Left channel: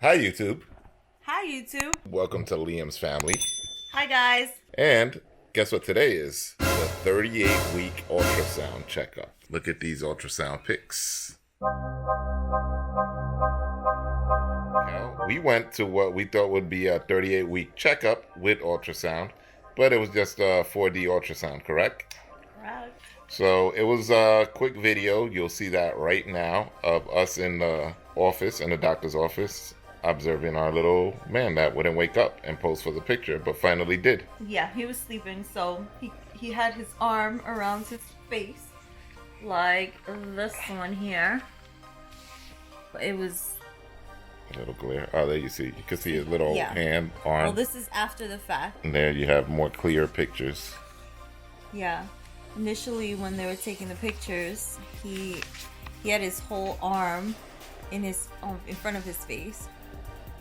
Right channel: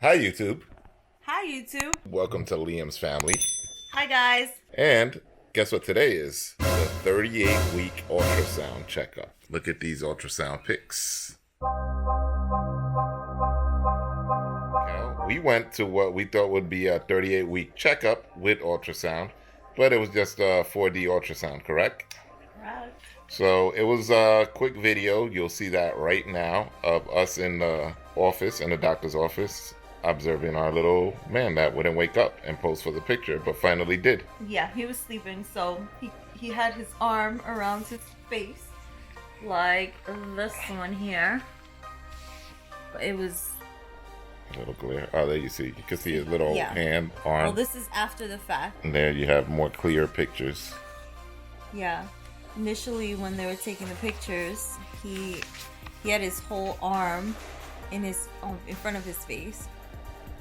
Hi, YouTube. Hi, YouTube. Welcome to Liam's family. Hi, guys. And guess what today is? The 38-week ultrasound checkup. Look at these ultrasound pics. Now, we went to what we thought would be a 38-week checkup with ultrasound, but it was just a 4D ultrasound, correct? Correct. So it was a quick video. You'll see that right now of us in the office, in the doctor's office, observing our little man that wouldn't wake up and pose for the picture, but finally did. Yeah, he was sleeping, so he had his arm around his face, like this one here. It was A little clear. Oh, there you see. You can see his little hand, arm. Well, this is after the fact. And there you have more clear pictures. Yeah. Initially, when they were taking the pictures, he had his whole arm in front of his face,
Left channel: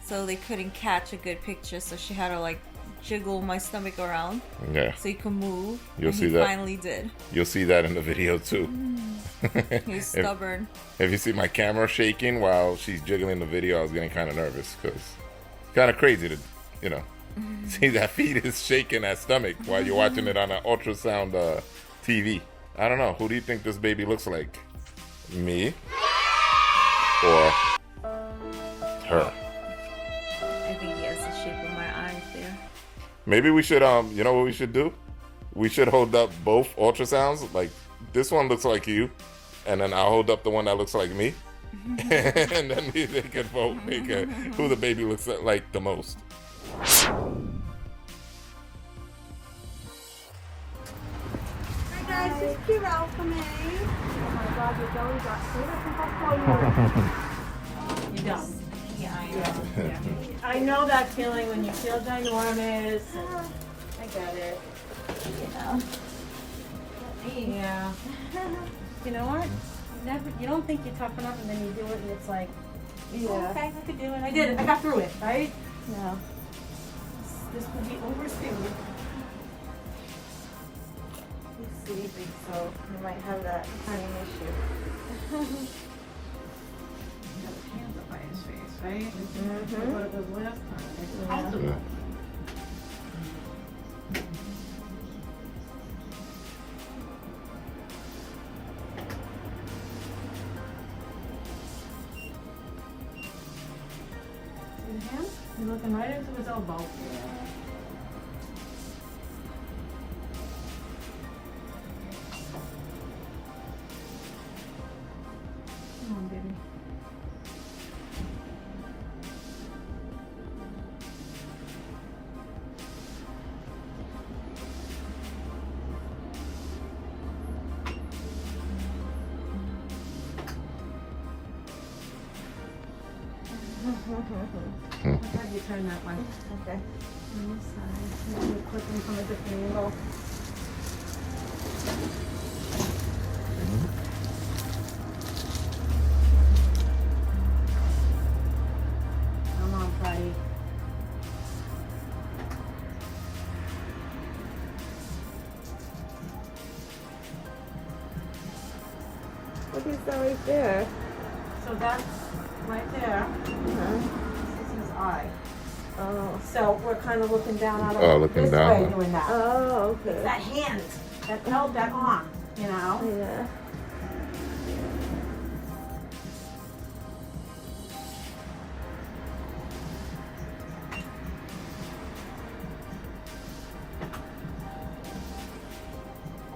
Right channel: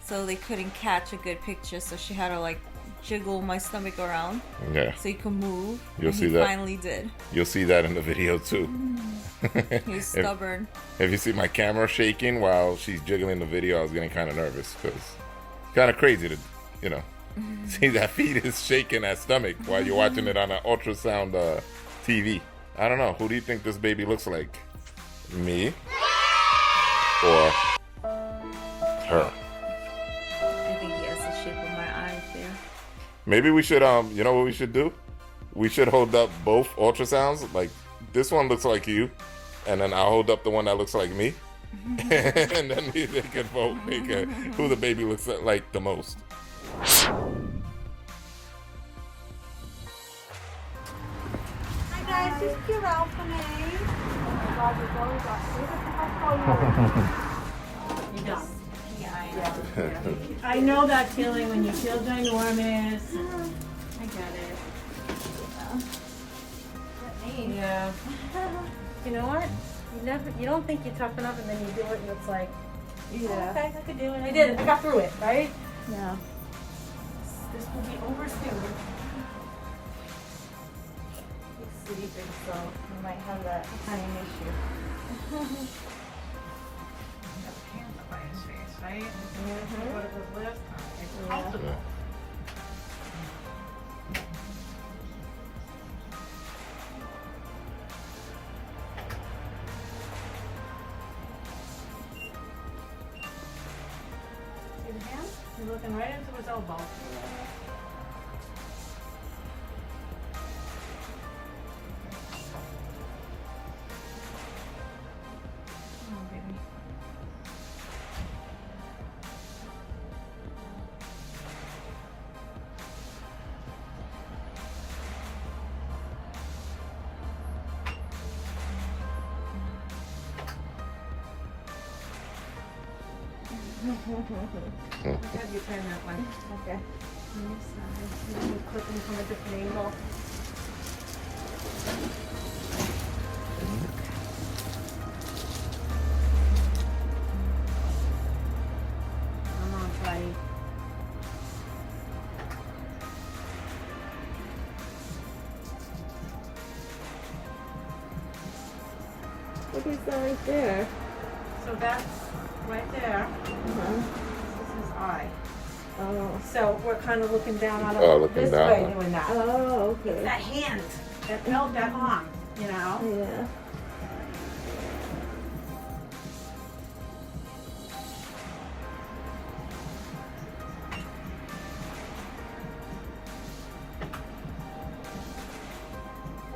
so they couldn't catch a good picture. So she had to like jiggle my stomach around, so he could move. You'll see that. Finally did. You'll see that in the video too. He was stubborn. If you see my camera shaking while she's jiggling the video, I was getting kind of nervous because it's kind of crazy to, see that fetus shaking that stomach while you're watching it on an ultrasound TV. I don't know. Who do you think this baby looks like? Me or her? I think he has the shape of my eyes there. Maybe we should, you know what we should do? We should hold up both ultrasounds. Like, this one looks like you, and then I'll hold up the one that looks like me. And then they can vote who the baby looks like the most. Hi guys, just cute out for me. You don't. I know that feeling when you feel ginormous. I get it. Yeah. You know what? You don't think you're tough enough, and then you do it, and it's like, okay, I could do it. I did it. I got through it, right? Yeah. This will be over soon. Let's see, so we might have that kind of issue. Right? See the hand? You're looking right into his elbow. Come on, baby. Have you turn that way? Okay. On this side. Let me quickly from a different angle. Come on, buddy. Look at that right there. So that's right there. This is his eye. So we're kind of looking down on him Looking this down. way doing that. Oh, okay. It's that hand that held that arm, Yeah.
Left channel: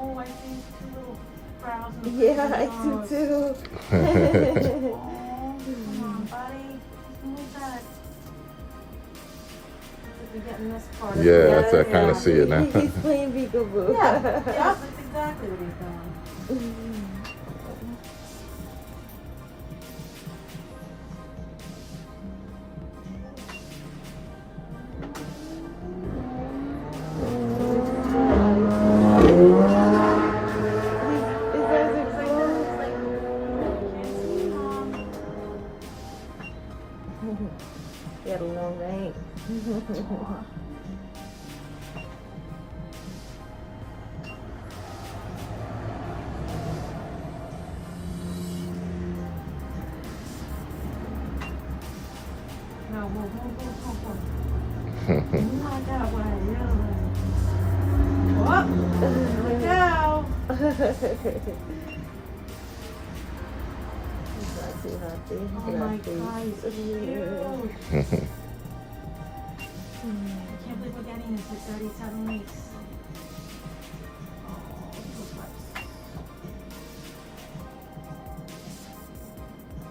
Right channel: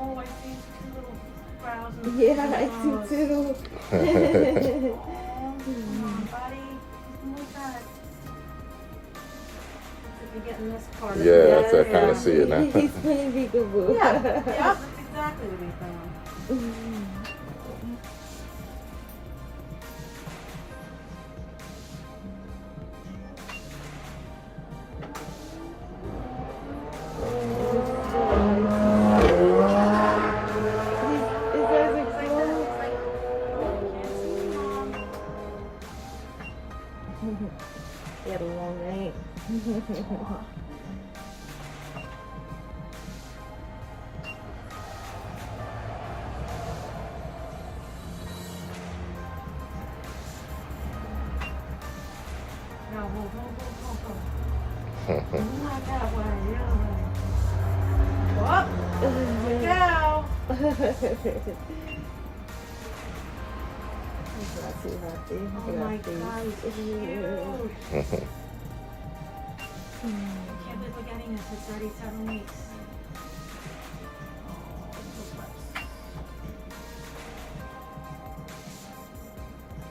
Oh, I think two crowns of Yeah, I do too. Come on, buddy. Move back. You're getting this part. Yeah, that's I kind of see it now. He's playing peekaboo. Yeah, that's exactly what he's doing. Yeah, more rain.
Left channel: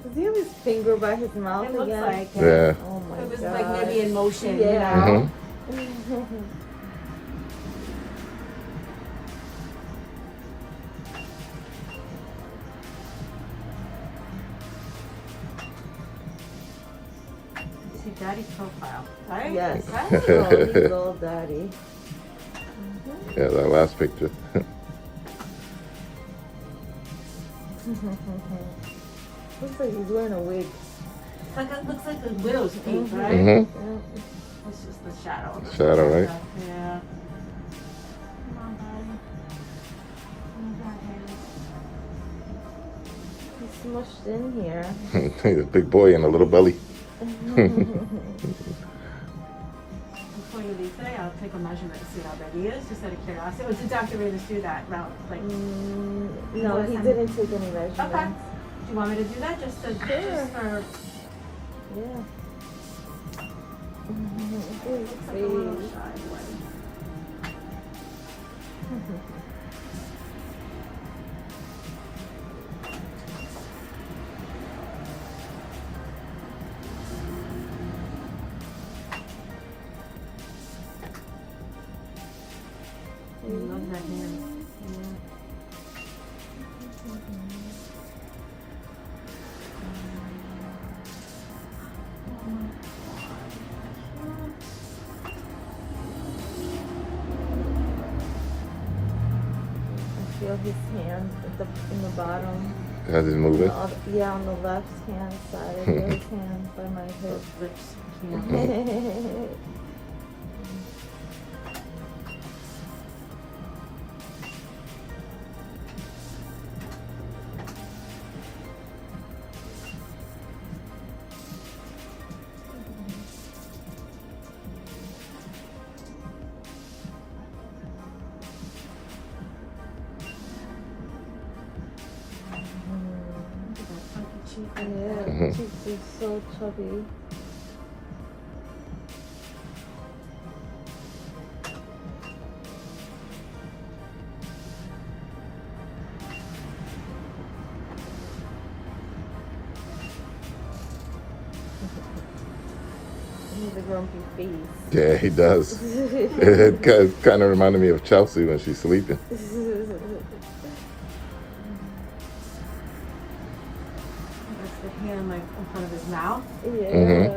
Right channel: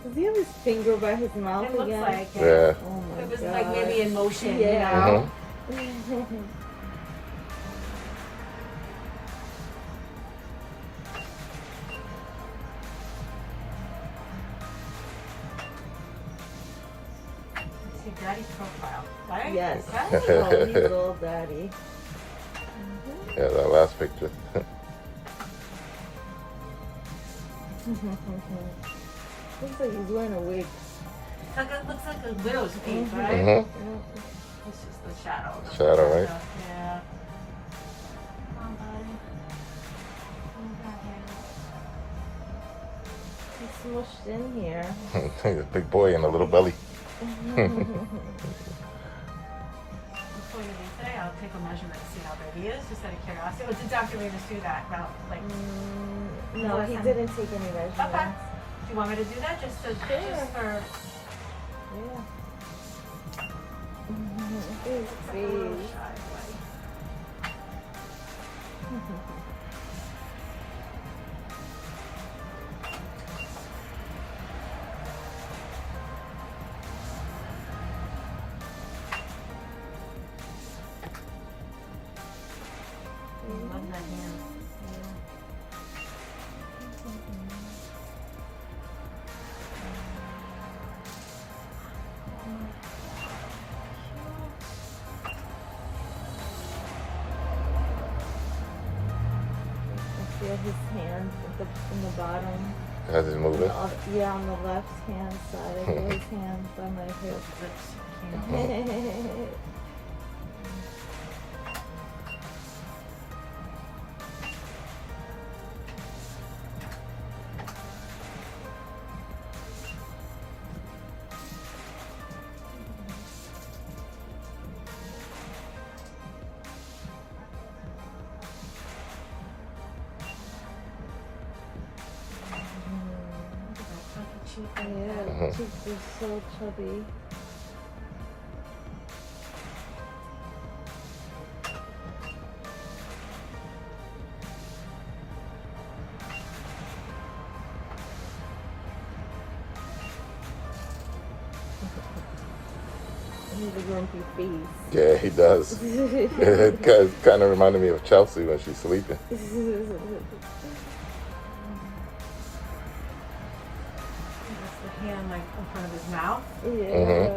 Does he have his finger by his mouth It looks again? like Yeah. Oh my it was God. like maybe in motion, you Yeah. know? See Daddy's profile, right? Yes. Right? Oh, we love Daddy. Yeah, that last picture. Looks like he's wearing a wig. It's like it looks like the widow's peak, right? Mm-hmm. It's just the shadow. Shadow, right? Yeah. Come on, buddy. Oh, God, He's smushed in here. The big boy and the little belly. Before you leave today, I'll take a measurement to see how big he is, just out of curiosity. Well, did Dr. Reedus do that? Well, like, No, he didn't take any measurements. okay. Do you want me to do that just for? Yeah. You love that hand. Feel his hand in the bottom. As he's moving. Yeah, on the left hand side. I feel his hand by my hip. Yeah, Mhm. she's so chubby. He's a grumpy face. Yeah, he does. It kind of reminded me of Chelsea when she's sleeping. That's the hand like in front of his mouth. Yeah. Mhm.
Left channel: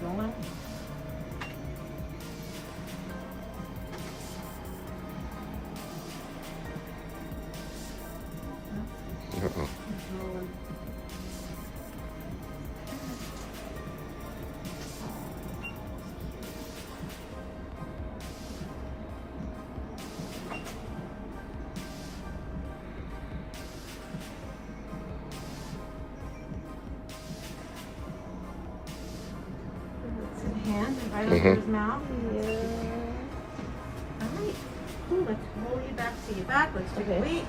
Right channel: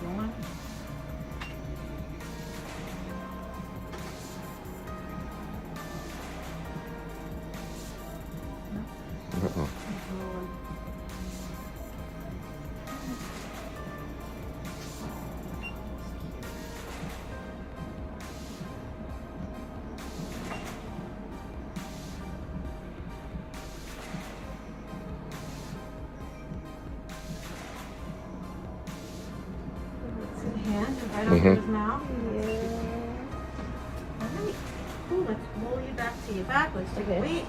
Going. See the hand right over his mouth. Let's roll you back to your backwards to your feet.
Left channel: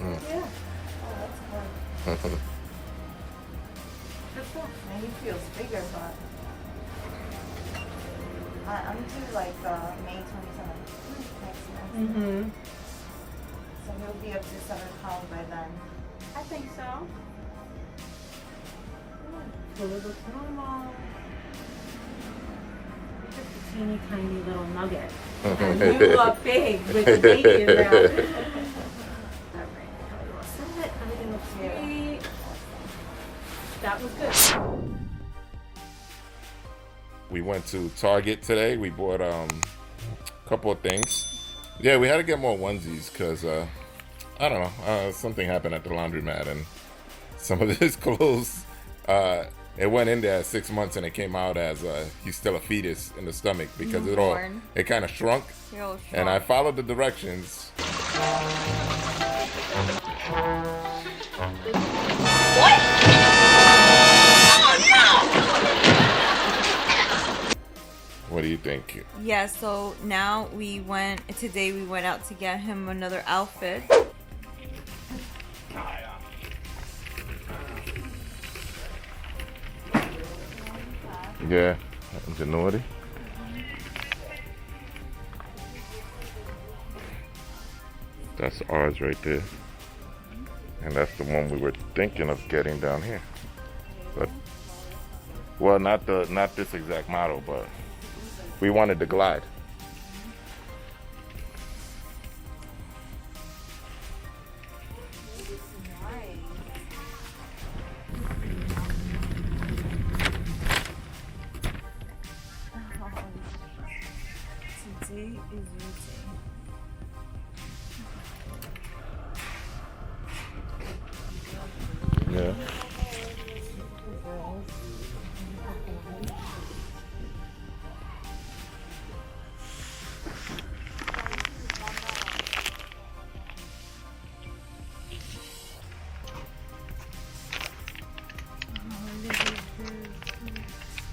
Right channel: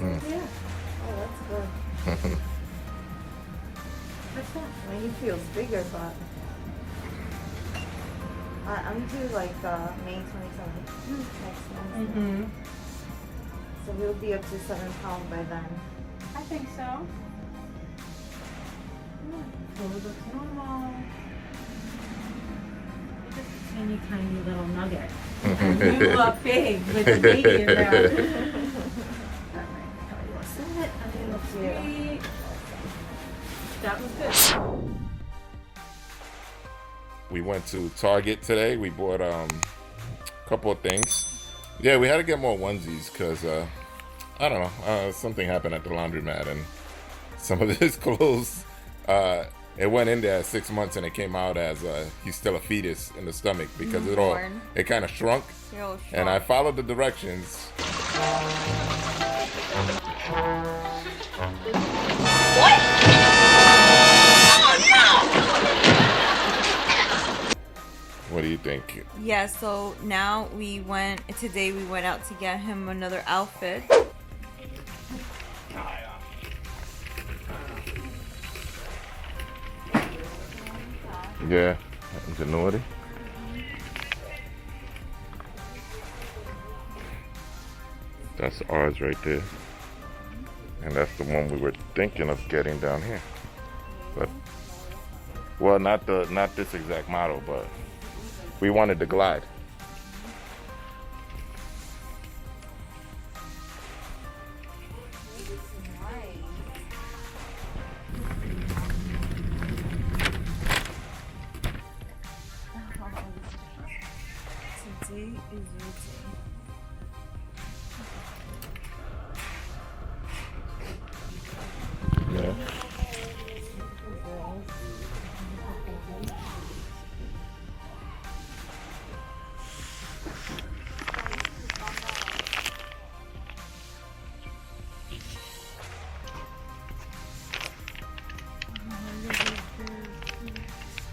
Yeah. Oh, that's good. That's cool. And he feels bigger, but I'm due like May 27th next month. Mm-hmm. So we'll be up to 7 pounds by then. I think so. So it looks normal. Just a teeny tiny little nugget. You look big, like a baby in there. Alright, everything looks great. That was good. We went to Target today. We bought a couple of things. Yeah, we had to get more onesies because I don't know, something happened at the laundromat and some of his clothes, it went in there at 6 months and it came out as he's still a fetus in the stomach because it kind of shrunk. And I followed the directions. What do you think? Yeah, so now today we went out to get him another outfit. Yeah, ingenuity. That's ours right there. And that's the one we were thinking of getting down here. But, well, not this exact model, but we wanted the Glide. Today is Yeah.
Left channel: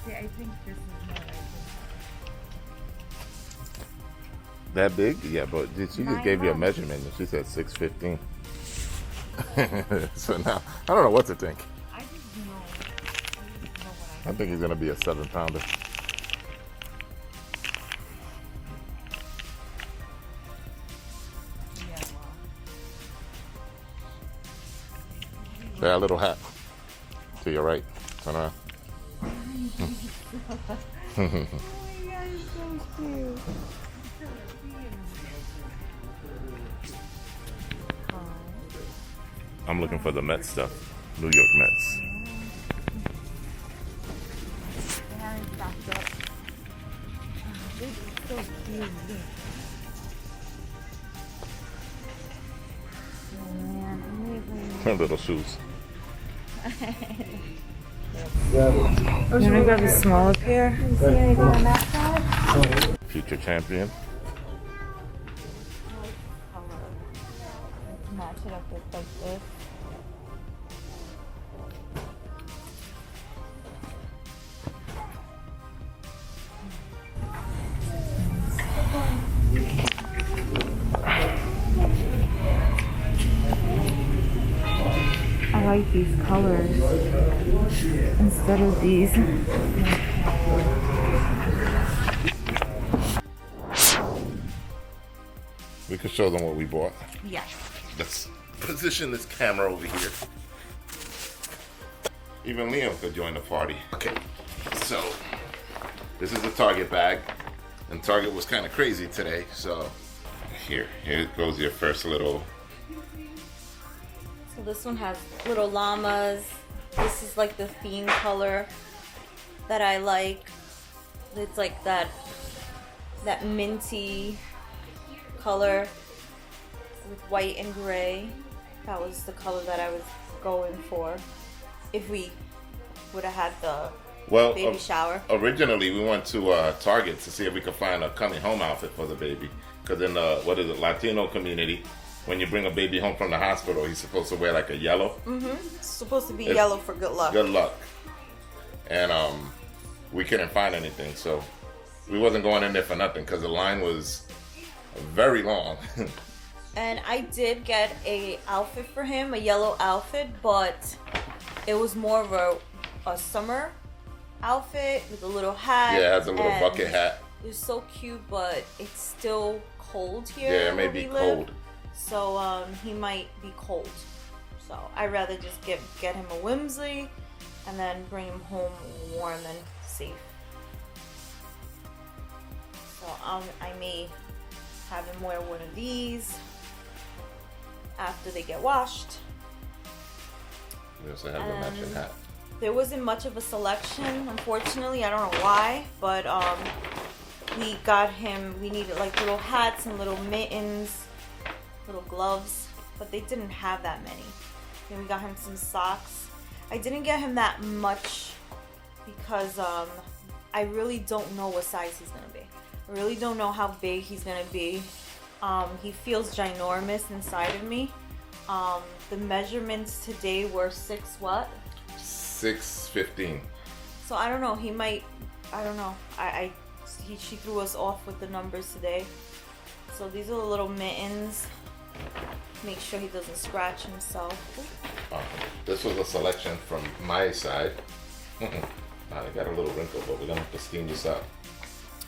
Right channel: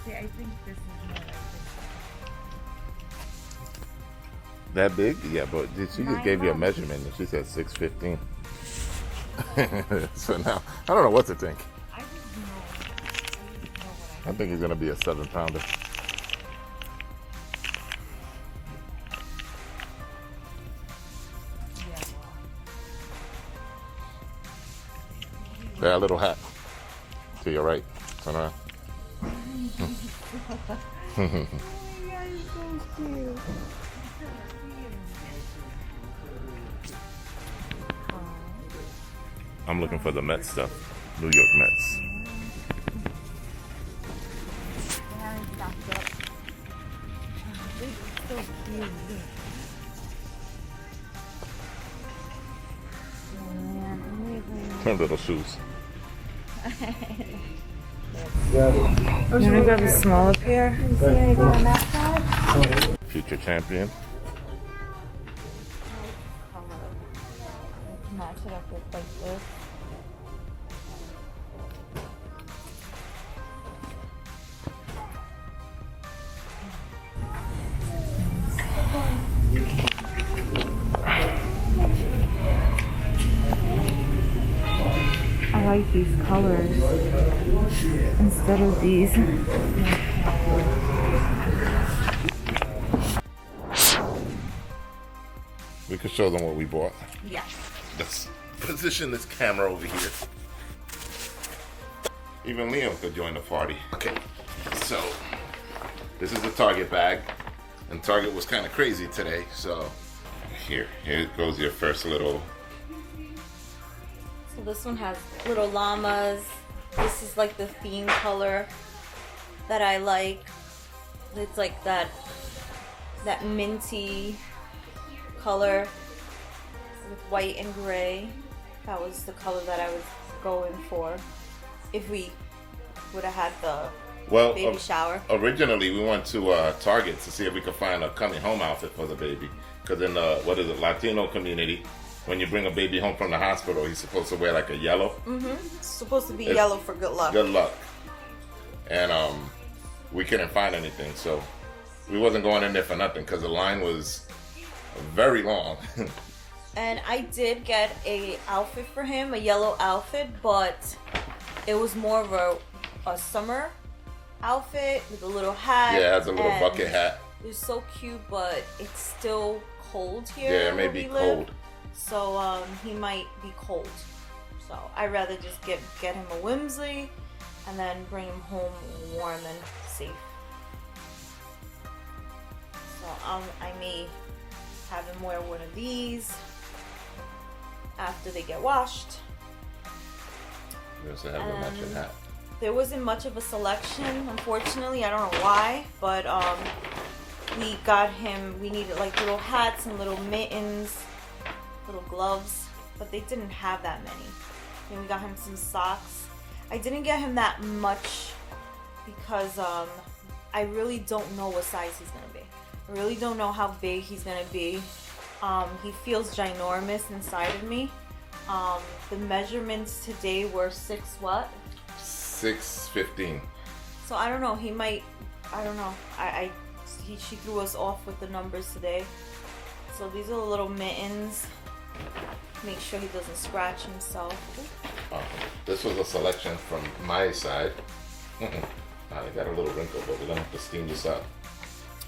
I think this is more like this. That big? Yeah, but she just gave you a measurement and she said 6'15". So now, I don't know what to think. I just know what I think he's going to be a 7-pounder. Yeah, well. That little hat. To your right. Turn around. Oh my god, it's so cute. I'm looking for the Mets stuff. New York Mets. So cute. Her little shoes. Should we grab a small up here? See anything on that side? Future champion. Match it up with like this. I like these colors instead of these. We could show them what we bought. Yeah. Let's position this camera over here. Even Liam could join the party. Okay, so this is the Target bag. And Target was kind of crazy today, so here goes your first little. So this one has little llamas. This is like the theme color that I like. It's like that minty color with white and gray. That was the color that I was going for if we would have had the baby shower. Originally, we went to Target to see if we could find a coming home outfit for the baby. Because in the, Latino community, when you bring a baby home from the hospital, he's supposed to wear like a yellow. Mm-hmm. It's supposed to be yellow for good luck. Good luck. And we couldn't find anything, so we wasn't going in there for nothing because the line was very long. And I did get a outfit for him, a yellow outfit, but it was more of a summer outfit with a little hat. Yeah, it has a little bucket hat. It was so cute, but it's still cold here. Yeah, it may be cold. So he might be cold. So I'd rather just get him a whimsy and then bring him home warm and safe. So I may have him wear one of these after they get washed. We also have the matching hat. There wasn't much of a selection, unfortunately. I don't know why, but we needed like little hats and little mittens, little gloves, but they didn't have that many. Then we got him some socks. I didn't get him that much because I really don't know what size he's gonna be. I really don't know how big he's gonna be. He feels ginormous inside of me. The measurements today were 6'15". So I don't know. He might. I don't know. She threw us off with the numbers today. So these are the little mittens. Make sure he doesn't scratch himself. This was a selection from my side. I got a little wrinkle, but we're gonna have to steam this up.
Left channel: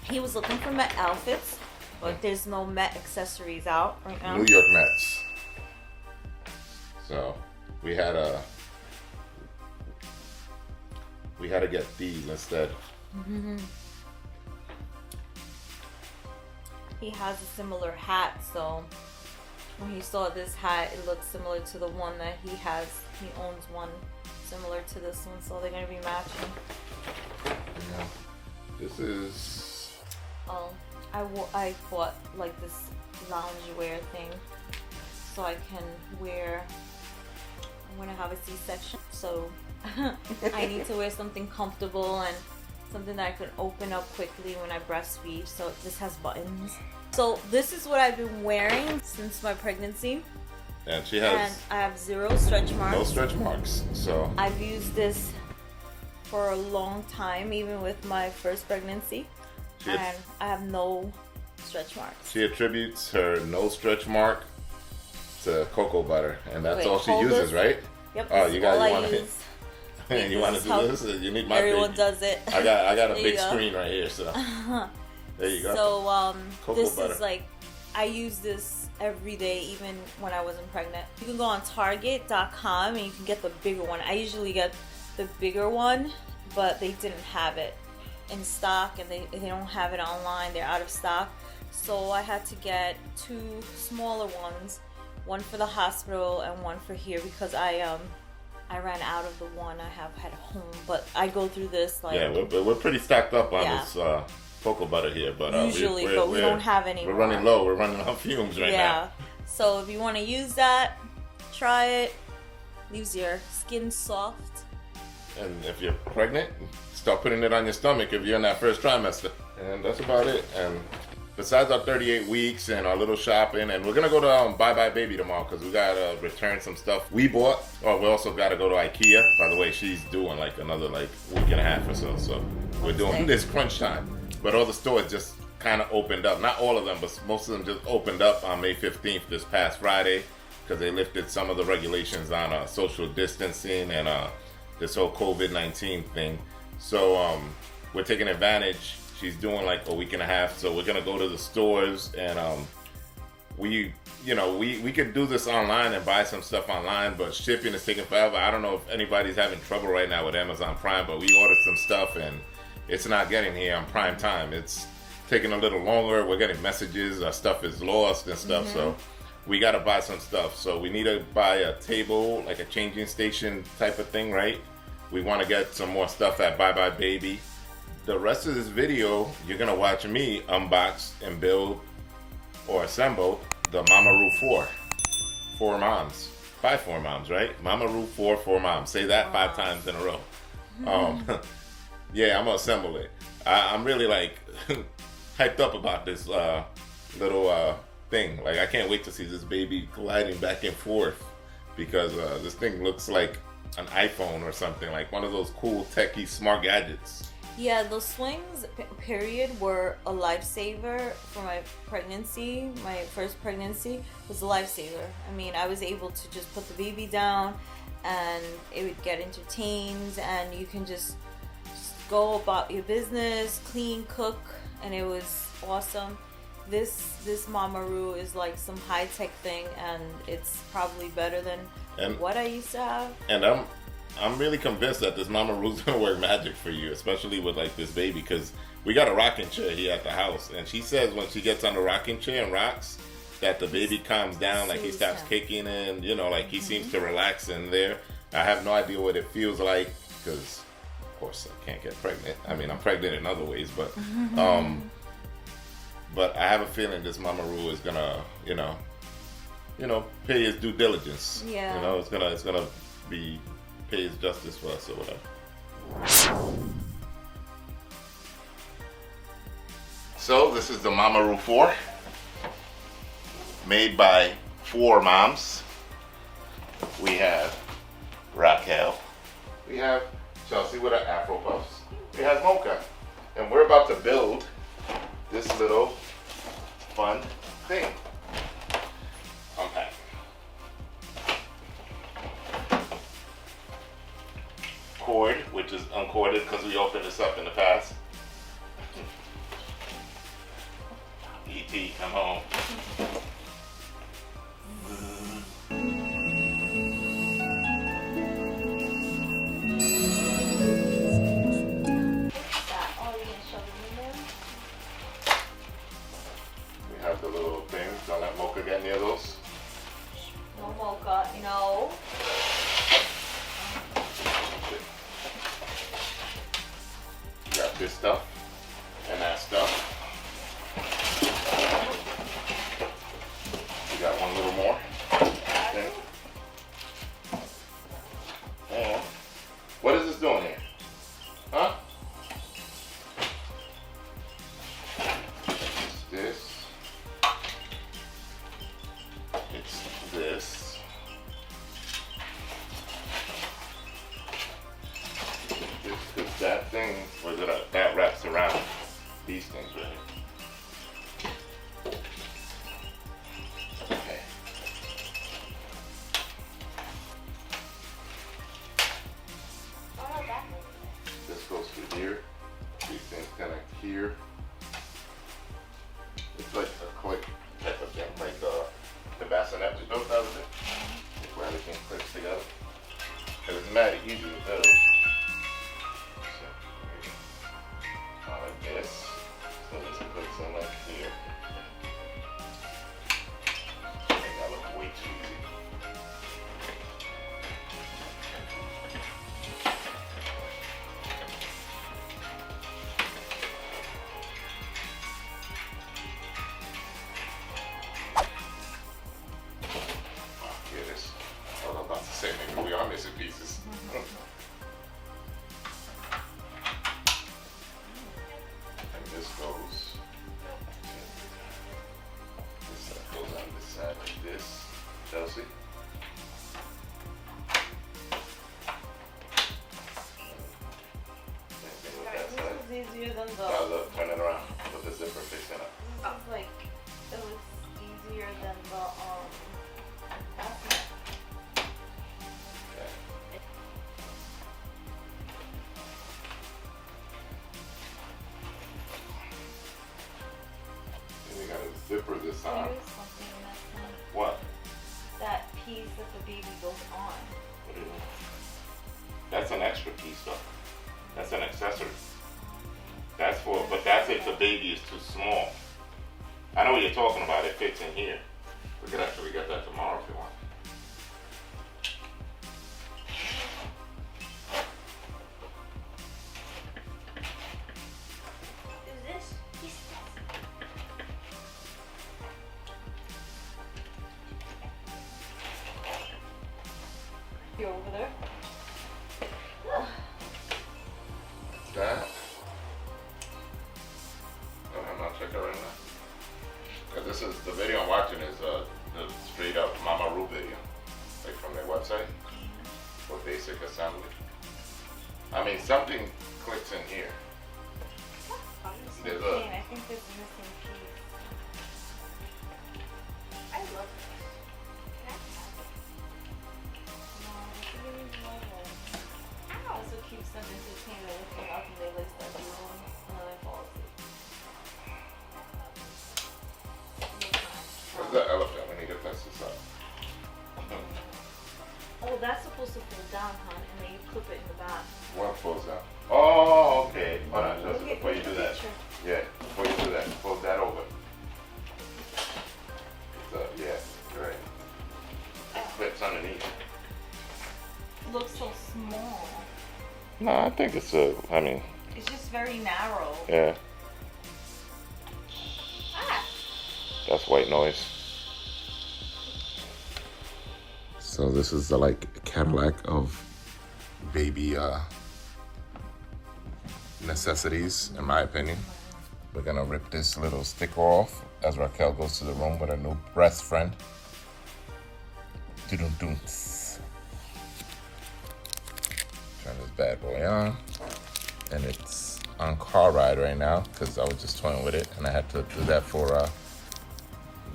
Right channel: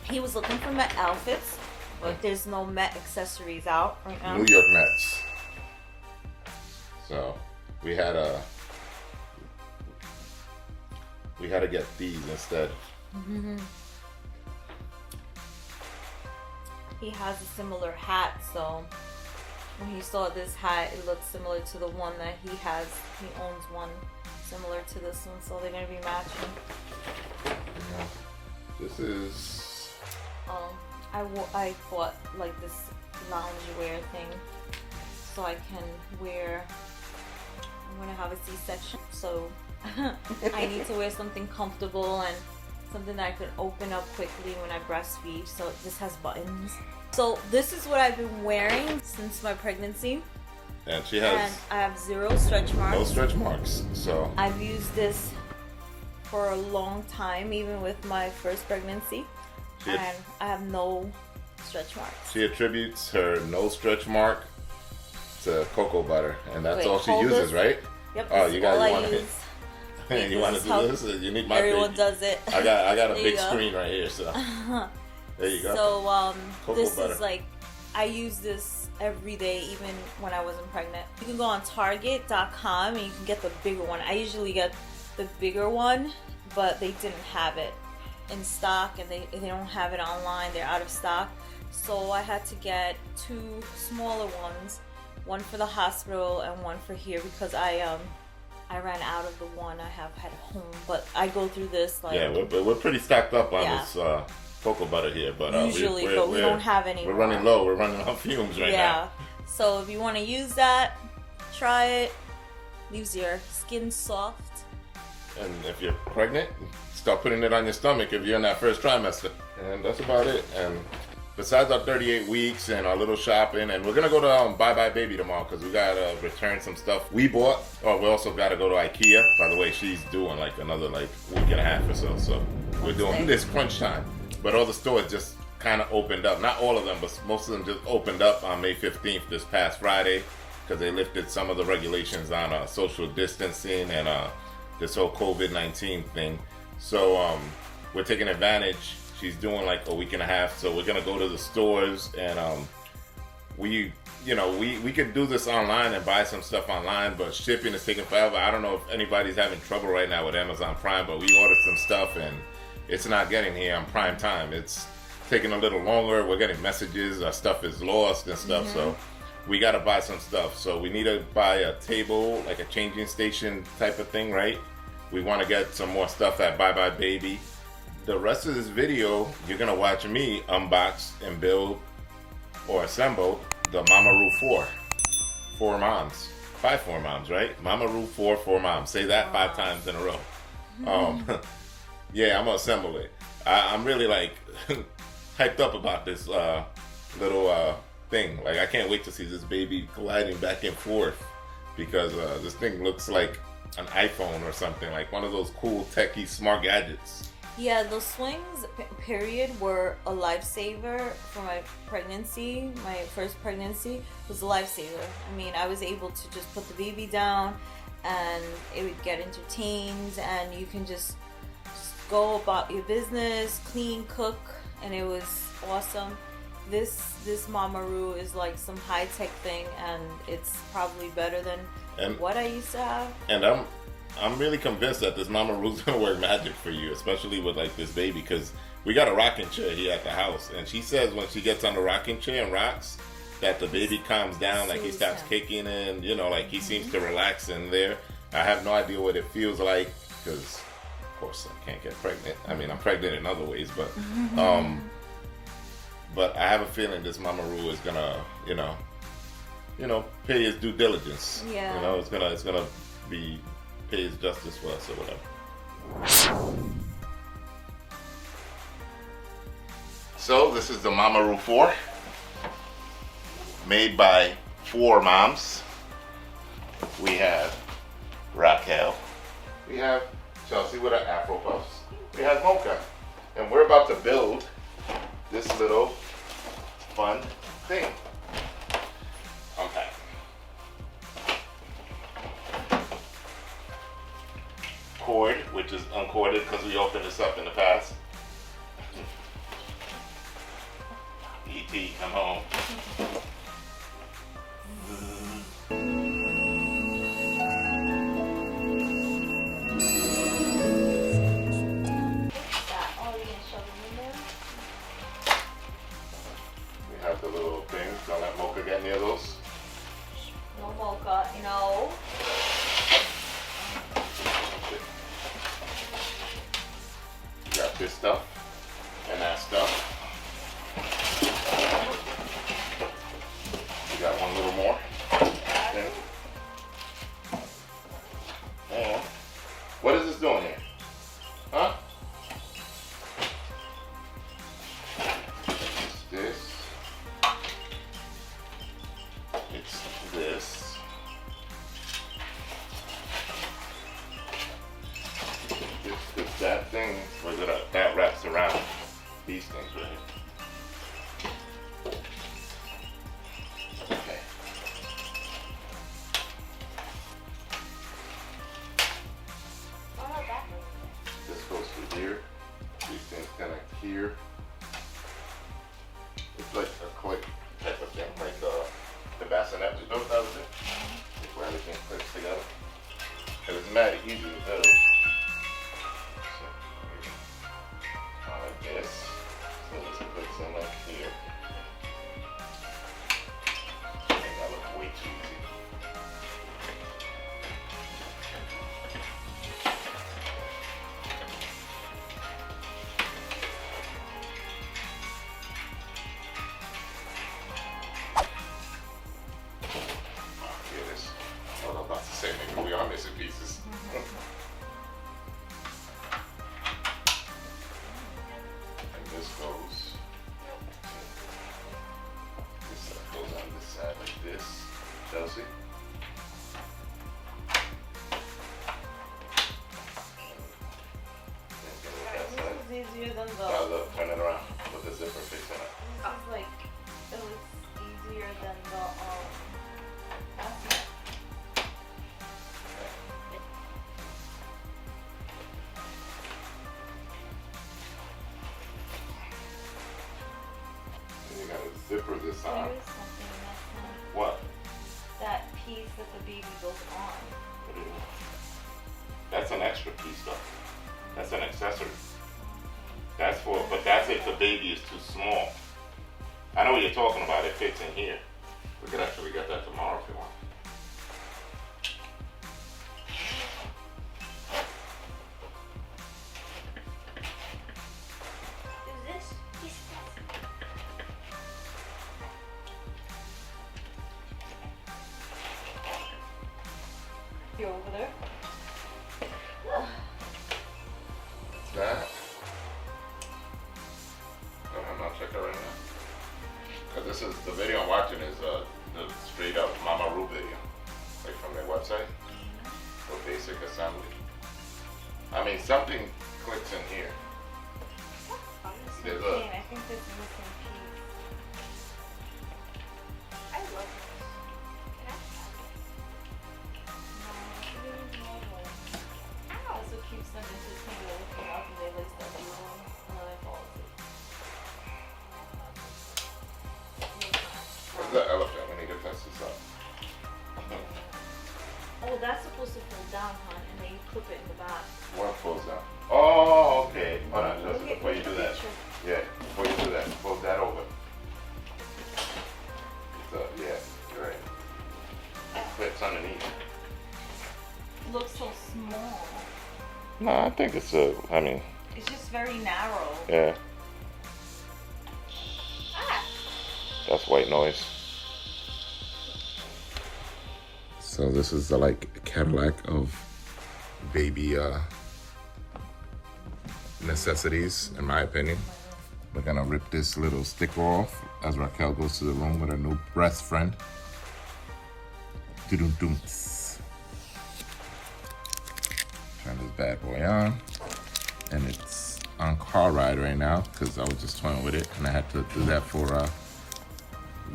He was looking for Met outfits, but there's no Met accessories out right now. New York Mets. So we had to get these instead. He has a similar hat, so when he saw this hat, it looked similar to the one that he has. He owns one similar to this one, so they're gonna be matching. Yeah. This is. I bought like this loungewear thing, so I can wear. I'm gonna have a C-section, so I need to wear something comfortable and something that I could open up quickly when I breastfeed. So this has buttons. So this is what I've been wearing since my pregnancy. And she has. And I have 0 stretch marks. No stretch marks. So I've used this for a long time, even with my first pregnancy, and I have no stretch marks. She attributes her no stretch mark to cocoa butter, and that's all she uses, right? Yep. Oh, you want to you want to do how this? You need my everyone baby. does it. I got a big screen right here, so there you go. So cocoa this butter. is like, I use this every day, even when I wasn't pregnant. You can go on Target.com and you can get the bigger one. I usually get the bigger one, but they didn't have it in stock, and they don't have it online. They're out of stock. So I had to get 2 smaller ones, one for the hospital and one for here, because I ran out of the one I have at home. But I go through this like, yeah, we're pretty stacked up on this cocoa butter here, but usually, but we don't have any. We're running low. We're running on fumes right now. Yeah. So if you want to use that, try it. Leaves your skin soft. And if you're pregnant, start putting it on your stomach if you're in that first trimester. And that's about it. And besides our 38 weeks and our little shopping, and we're going to go to Bye Bye Baby tomorrow because we got to return some stuff we bought. Oh, we also got to go to IKEA. By the way, she's doing like another week and a half or so. So we're doing this crunch time. But all the stores just kind of opened up. Not all of them, but most of them just opened up on May 15th, this past Friday, because they lifted some of the regulations on social distancing and this whole COVID-19 thing. So we're taking advantage. She's doing like a week and a half, so we're gonna go to the stores, and we could do this online and buy some stuff online, but shipping is taking forever. I don't know if anybody's having trouble right now with Amazon Prime, but we ordered some stuff and it's not getting here on Prime time. It's taking a little longer. We're getting messages, our stuff is lost and stuff, so we gotta buy some stuff. So we need to buy a table, like a changing station type of thing, right? We want to get some more stuff at Bye Bye Baby. The rest of this video, you're gonna watch me unbox and build or assemble the MAMAROO4. 4 moms. 5 4 moms, right? MAMAROO4 4 moms. Say that 5 times in a row. Yeah, I'm gonna assemble it. I'm really like hyped up about this little thing. Like, I can't wait to see this baby gliding back and forth, because this thing looks like an iPhone or something, like one of those cool techie smart gadgets. Yeah, the swings, period, were a lifesaver for my pregnancy. My first pregnancy was a lifesaver. I mean, I was able to just put the baby down and it would get entertained, and you can just go about your business, clean, cook, and it was awesome. This MAMAROO is like some high-tech thing, and it's probably better than what I used to have. And I'm really convinced that this MAMAROO's gonna work magic for you, especially with like this baby, because we got a rocking chair here at the house, and she says when she gets on the rocking chair and rocks, that the baby calms down, like he starts kicking and, you know, like he seems to relax in there. I have no idea what it feels like, because of course I can't get pregnant. I mean, I'm pregnant in other ways, but I have a feeling this MAMAROO is gonna, you know, pay his due diligence. Yeah. You know, it's gonna be pay his justice for us or whatever. So this is the MAMAROO4, made by 4 moms. We have Raquel, we have Chelsea with her Afro Puffs, we have Mocha, and we're about to build this little fun thing. Unpack. Cord, which is uncorded because we opened this up in the past. E.T., come home. We have the little things. Don't let Mocha get near those. No Mocha, no. You got this stuff and that stuff. You got one little more. Okay. And what is this doing here? Huh? It's this. It's this. It's that thing where that wraps around these things right here. Okay. This goes through here. These things connect here. It's like a click type of thing, like the bassinet we built out of it. It's where everything clicks together. And it's mad easy to build. Like this. So this puts in like here. Make that look way too easy. Oh, here it is. I was about to say maybe we are missing pieces. This goes, this goes on this side like this, Chelsea. This is easier than the. Now look, turn it around with the zipper fixing it. This is like, it looks easier than the bassinet. You gotta zipper this on. There is something missing. What? That piece that the baby goes on. What do you mean? That's an extra piece though. That's an accessory. That's for, but that's if the baby is too small. I know what you're talking about. It fits in here. We could actually get that tomorrow if you want. Is this? You're over there. That. I'm not checking right now. Cause this is the video I'm watching is the straight up MAMAROO video, like from their website for basic assembly. I mean something clicks in here. missing piece. I love this. Can I have it? No, it is mobile. Ow! That's what keeps them entertained. They're looking up and they like start doing and then they fall asleep. Where's the elephant? We need to test this out. Oh, that's supposed to fold down, hon, and then you clip it in the back. What folds down? Oh, okay. Hold on, just Look at- before you look do at that. the picture. Yeah, before you do that, fold that over. So, yeah, you're right. It clips underneath. It looks so small. No, I think it's I mean, It's just very narrow. yeah. Ah! That's white noise. So this is the like Cadillac of baby necessities, in my opinion. We're gonna rip this little stick off as Raquel goes to the room with a new breast friend. Doo-doo-doo. Turn this bad boy on, and it's on car ride right now because I was just toying with it, and I had to do that for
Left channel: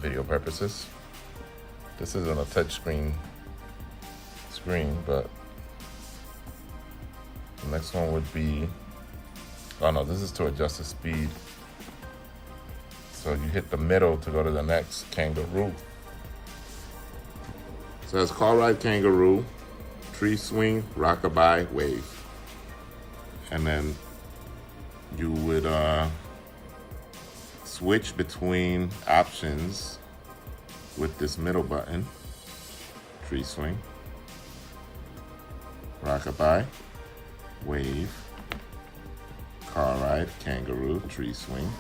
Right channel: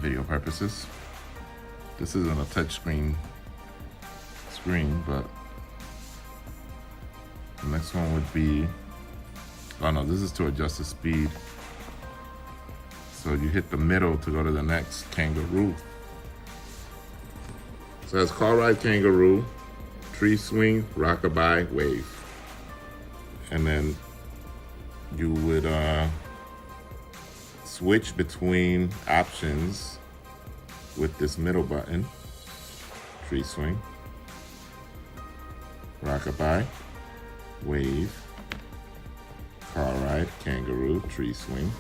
video purposes. This isn't a touch screen, but the next one would be, oh no, this is to adjust the speed. So you hit the middle to go to the next kangaroo. So it's car ride, kangaroo, tree swing, rockabye, wave. And then you would switch between options with this middle button. Tree swing, rockabye, wave, car ride, kangaroo, tree swing.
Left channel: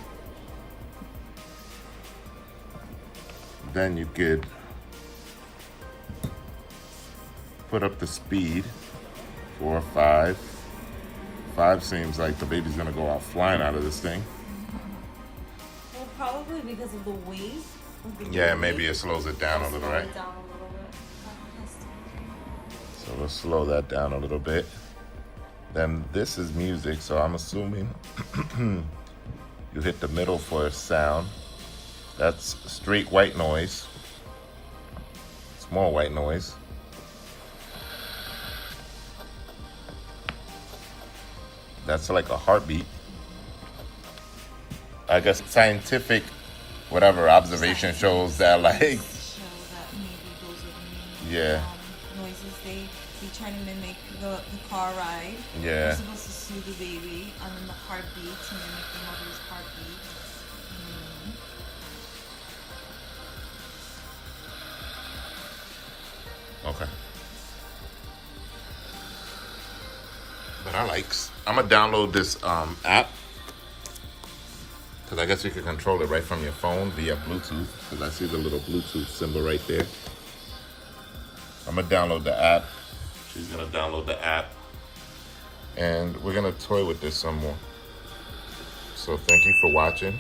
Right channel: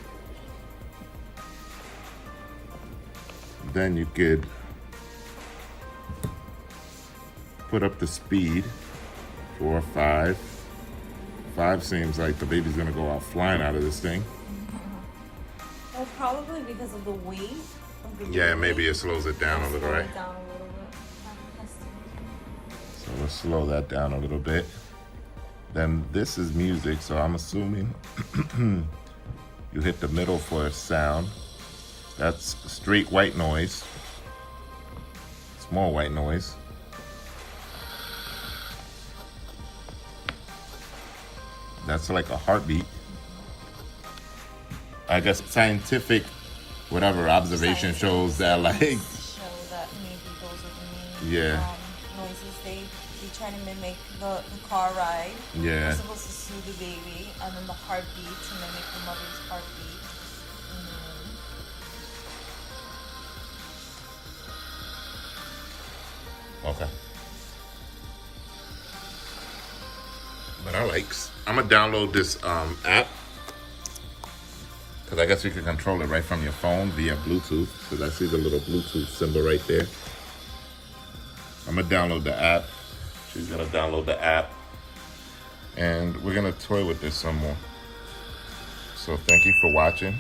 Then you could put up the speed, 4 or 5. 5 seems like the baby's gonna go out flying out of this thing. Well, probably because of the weight. Of the Yeah, baby. maybe it slows it down a little, right? Slow it down a little bit. So let's slow that down a little bit. Then this is music, so I'm assuming you hit the middle for a sound. That's straight white noise. Small white noise. That's like a heartbeat. I guess scientific, whatever observation shows that like, So that maybe those are the main yeah, noises they trying to mimic the car ride. yeah. They're supposed to soothe the baby, and then the heartbeat to mimic the mother's heartbeat. Okay. But I'm gonna download this app, because I guess you can control it right from your phone via Bluetooth, because I see the little Bluetooth symbol right there. I'm gonna download the app. She's gonna download the app, and we're gonna toy with this some more. So thank you for watching,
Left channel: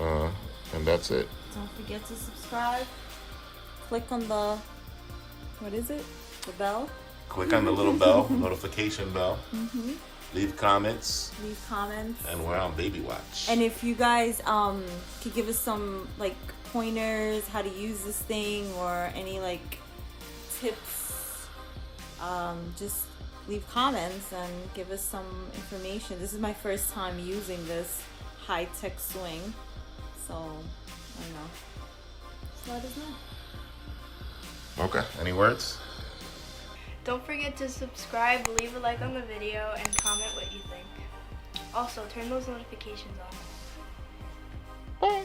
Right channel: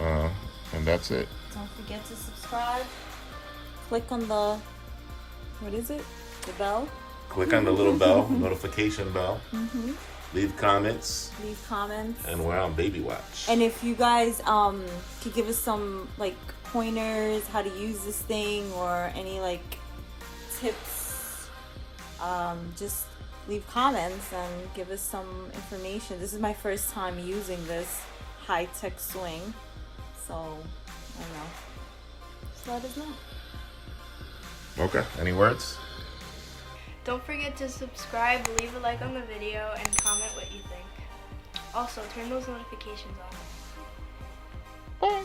and that's it. Don't forget to subscribe. Click on the, what is it? The bell. Click on the little bell, notification bell. Leave comments, Leave comments. and we're on Baby Watch. And if you guys could give us some like pointers how to use this thing or any like tips, just leave comments and give us some information. This is my first time using this high-tech swing, so I don't know. Just let us know. Okay, any words? Don't forget to subscribe, leave a like on the video, and comment what you think. Also, turn those notifications on. Bye.